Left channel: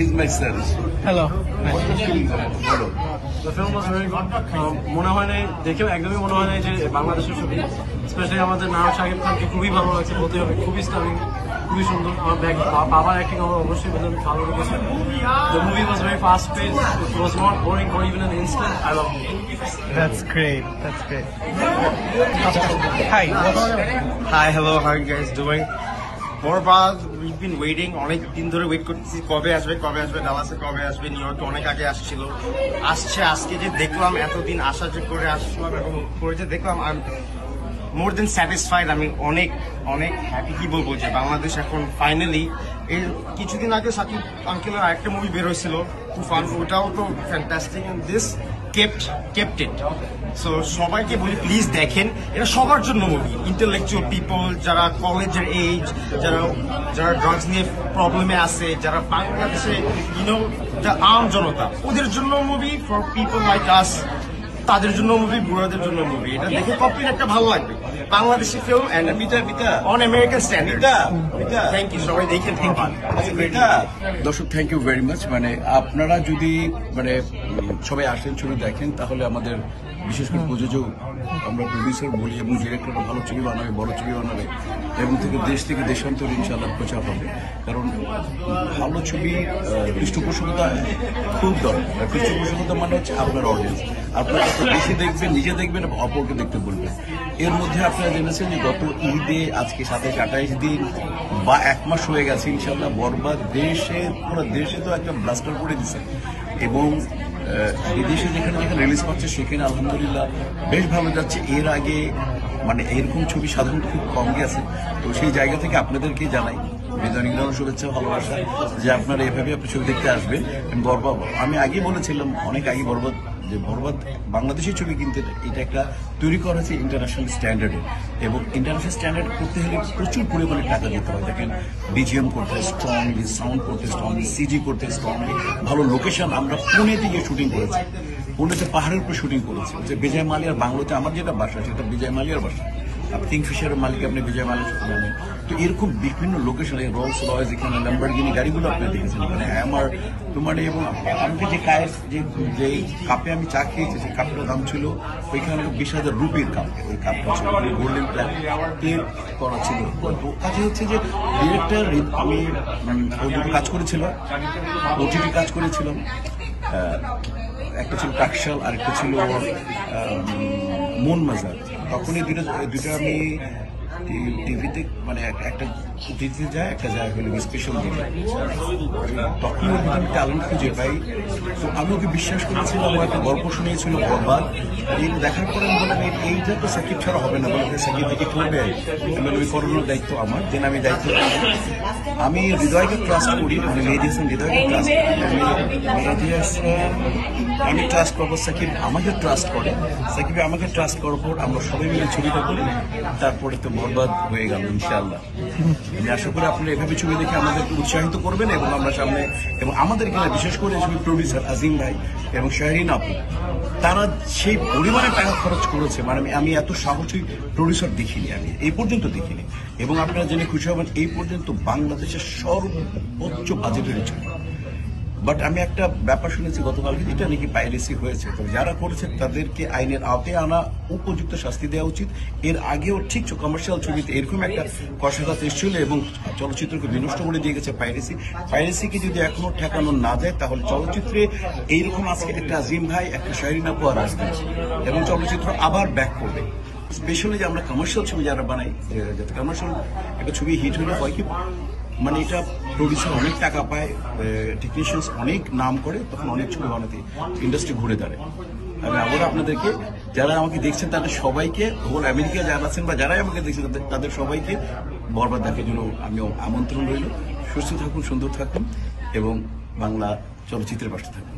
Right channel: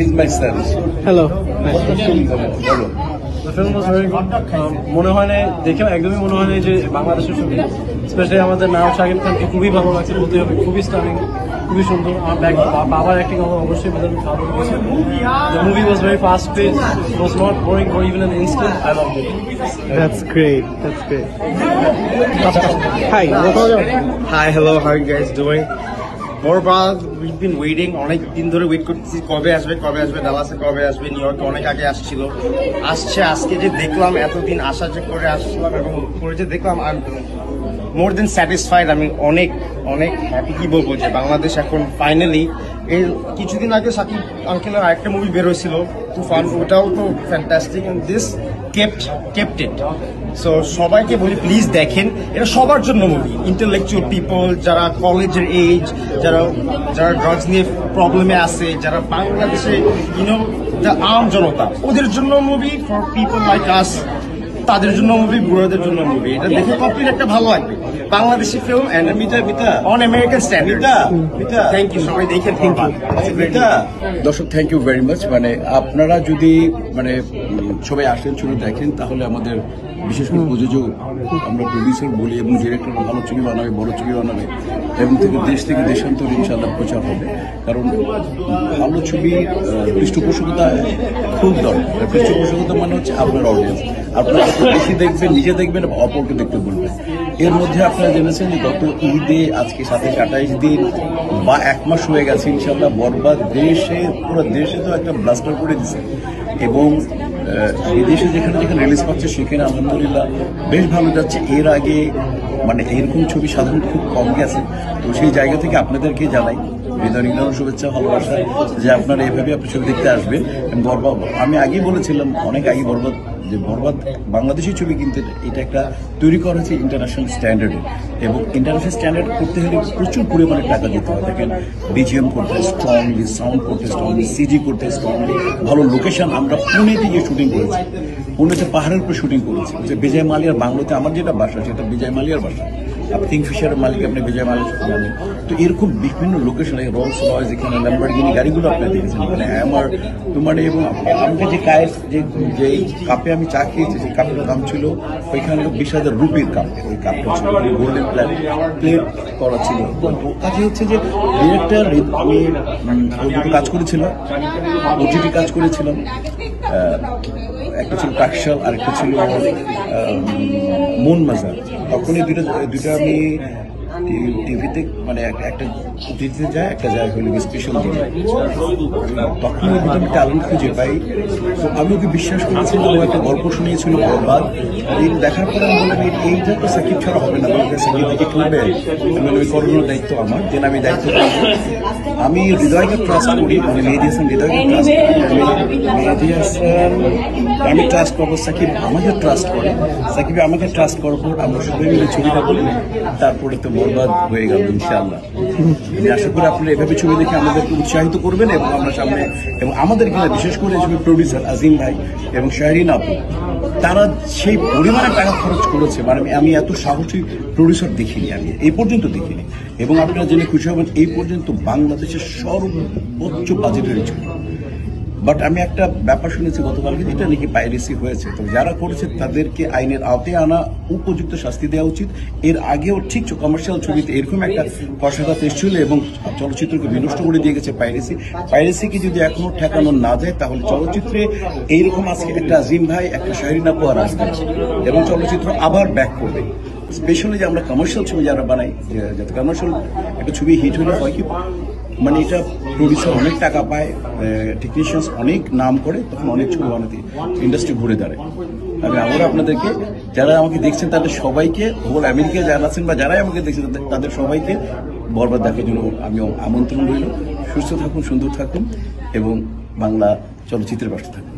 he's my son. Hello. What the film বলো? The film was very good. মনে হয় না দেখে একদমই মনে হয় না যে বাংলাদেশের ছবি, স্পেশালি আমাদের নায়ক শাকিব খানকে খুবই ভালো লাগছে বলতে হবে, খুবই স্টানিং, খুবই সুন্দর। আমার বাবার অ্যাক্টিং আমার অবশ্যই ভালো লেগেছে। The movie was very fast paced. It was not boring for even an instant. I loved it. That's great. That's great. Hi. Hi, hello, how are you guys doing? Borbaad, we've been waiting, অনেক দিন ধরে wait করতেছি কবে আসবে ডালাসে কবে আসবে, new ইয়র্কে অনেক আগে আসছিল, আসছে। আজকে যে দেখলাম, এতদিন আশা যে করে আসছিলাম এবং করে যে দেখলাম, I am more than satisfied. আমি অনেক অনেক হ্যাপি। কি বলবো যে বাংলাদেশ এখন ফাইনালি, এই কিছুদিন আগে সাকিব আঙ্কেলের আরেকটা মুভি বের হয়েছিল তুফান, ওটাও তো fantastic, and this kept it. So সবাইকে বলি প্লিজ দেখেন, এটা সবার জন্য মুভি। ইন্টেলেকচুয়াল পিপল, যারা কলেজের এজ, যারা ড্রাগস নিয়ে প্রবলেমে আছে, যারা বাংলাদেশে আম জনতা, ওদের জন্য মুভি। ফর পিপল লাইক আস, তাদের জন্য মুভি, বুড়োদের জন্য মুভি। এটা দেখে কমপ্লিট একটা ভালো লাগবে। Bangladeshi film and on American standard. Thank you, সবাই দেখেন। থ্যাংক ইউ দর্শক, থ্যাংক ইউ ভেরি মাচ। মানে আপনারা যদি সবাই আসেন, ছবি দেখেন, তাহলে আমাদের বিশেষ করে প্রযোজক, আমরা প্রডিউসার বলি এবং ডিরেক্টররা ভালো ছবি বানাবে, বড় ছবি বানাবে এবং দেশ থেকে দেশান্তরে ইনশাআল্লাহ প্রচার হবে। কারণ ভালো ছবি পৃষ্ঠপোষকতা খুব দরকার। পৃষ্ঠপোষকতা মানে হচ্ছে আপনার অডিয়েন্স, আপনারা যত বেশি দেখবেন, নিজে দেখবেন, অপরকে দেখতে বলবেন। এর মধ্যে আপনারা জেনেছেন যে গত ঈদে, আজকে 27-28 দিন বা 1 মাস হয়ে গেছে, ইনশাআল্লাহ বরবাদ পুরো দেশে তো একটা ব্লাস্টার করে দিছে এবং বিদেশে যেখানে রিলিজ পাচ্ছে সেখানে আলহামদুলিল্লাহ বেশ ভালো যাচ্ছে। এর আগে এরকম ছবি সাধারণত খুব কম গেছে। তো সেই জায়গা থেকে আপনাদেরকে জানাই হৃদয় শুভেচ্ছা, ভালোবাসা যে আপনারা এভাবে আপনি ছবি দেখতে আসবেন। বরবাদ, আমি আগেই বলেছিলাম অনেক আগে, বরবাদ বাংলাদেশি ছবি কিন্তু এটা একটা তৈরি করা হয়েছে ইন্টারন্যাশনাল স্ট্যান্ডার্ডে, এবং ইন্টারন্যাশনাল স্ট্যান্ডার্ড করতে হলে প্রচুর পরিমাণে টাকা দিতে হয়। দেখেন, বিজিএম করতে হয় স্ট্রংলি, সাউন্ড করতে স্ট্রংলি, সিজি করতে স্ট্রংলি, ভালো লোকেশন। আমরা পুনেতে গিয়ে শুটিং করেছি, পুনেতে পাহাড়ের উপর শুটিং করেছি। বিজয় মালিয়ার বাংলোতে আমার যেটা বাসা, সেটা বিজয় মালিয়ার বাসা। কিংফিশারের মালিক আপনি বিজয় মালিক জানেন। তো এরকম বিভিন্ন লোকেশন, রোলস রয়েস, এখানে ল্যাম্বরগিনি গাড়িগুলো আপনি দেখেছেন, এখানে হ্যামার এবং আমাকে যে কাপে আমি চা খেয়েছি, যে কাপটার দাম ছিল ওইখানে 20,000 রুপির কাপ। ওই কাপটা ছিল গোল্ডেন প্লেট করা ছিল। কাজে হচ্ছে যে ডিরেক্টর, আমি ওই দুটো কাজ করেছিলাম, ওটিটি কাজ করেছিলাম। একটা ছিল টাকশাল, আর একটা ছিল মন মাজার। তখন এই দুটো আমি টিভিতে একটা দিতে যায়, একটা যায় হলো স্পেশাল দিনে। তখন ওই দুটো আমি ট্যালেন্ট খুঁজে পাই। তো আমি ওকে বিশ্বাস করেছিলাম, ও একটা গল্প শুনিয়েছিল বরবাদ। এই দেখার পরে আমি বললাম এইটা তো সাকিব ছাড়া হবে না, বলে সাকিব থেকে করবে। আমি ওই করানোর দায়িত্ব আমার, দেন আমি দায়িত্ব করব। আমি হৃদয়কে ট্রাস্ট করি, মেহেদী হাসান হৃদয়কে ট্রাস্ট করি। মেহেদী হাসান আমি ট্রাস্ট করবো, সাকিব আমাকে ট্রাস্ট করে। সাকিব আমাকে ট্রাস্ট করার পর আমরা সবাই মিলে ছবিটা করি, তারপরে তো বরবাদ হয়ে গেল ইনশাআল্লাহ। আমি আশা করি আপনারা এভাবে ছবি দেখে আমাদেরকে উৎসাহিত করবেন এবং আমরা সামনে, এবং আমাদের কিনা বিশেষ করে ছবি প্রডিউসার আজিম ভাই এবং শাহরিন আপু, তারা সেই পরিমাণে টাকা খরচ করেছে। আমি এত সাহসী প্রডিউসার দেখিনি, আমি এই পর্যন্ত দেখিনি। এবং আপনারা জেনে খুশি হবেন, এই পর্যন্ত বাংলাদেশের সর্বোচ্চ বাজেটের ছবি। বাট আমি একটা ব্যাপার শুনেছি গতকালকে, যেটা নাকি পাইরেসি হয়েছে। তো যারা করেছে তাদেরকে আইনের আওতায় আনা, উপযুক্ত শাস্তি দেওয়া উচিত। এর আগেও ঠিক কমার্শিয়াল ছবিতে এরকম একটা কষাঘাত এসেছিল এবং চলচ্চিত্রকে বিনষ্ট করে দিয়ে গেছে পাইরেসিকে যদি এখনো ঠেকানো না যায়, তাহলে চলচ্চিত্রে এইরকম আজকে একটা আজিম ভাই, একটা শাহরিন আপু আর আসবে এবং চলচ্চিত্র আবার ব্যাক করবে। স্পেশালি যে আমরা কমার্শিয়াল ছবি যারা বানাই, যাতে কমার্শিয়াল একটা ছবি হিট হলে হয় কি, এটা প্রডিউসার অনেক টাকা পায়, টেকনিশিয়ানস অনেক নাম করে, তখন অনেক ছবি বানাতে ইন্ডাস্ট্রি ঘুরে দাঁড়ায়। আমি আবার আপনাদেরকে, যারা আমাকে দেখছেন তাদের সবাইকে, হোল আমেরিকায় যারা আছেন বা যারাই আমাকে দেখছেন তাদের সবাইকে বরবাদ দেখার জন্য আমি আমন্ত্রণ রইল। সুস্থ থাকুন, সুন্দর থাকুন এবং বাংলা চলচ্চিত্রের পাশে থাকুন।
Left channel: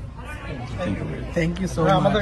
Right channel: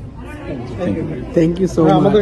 Thank you so much.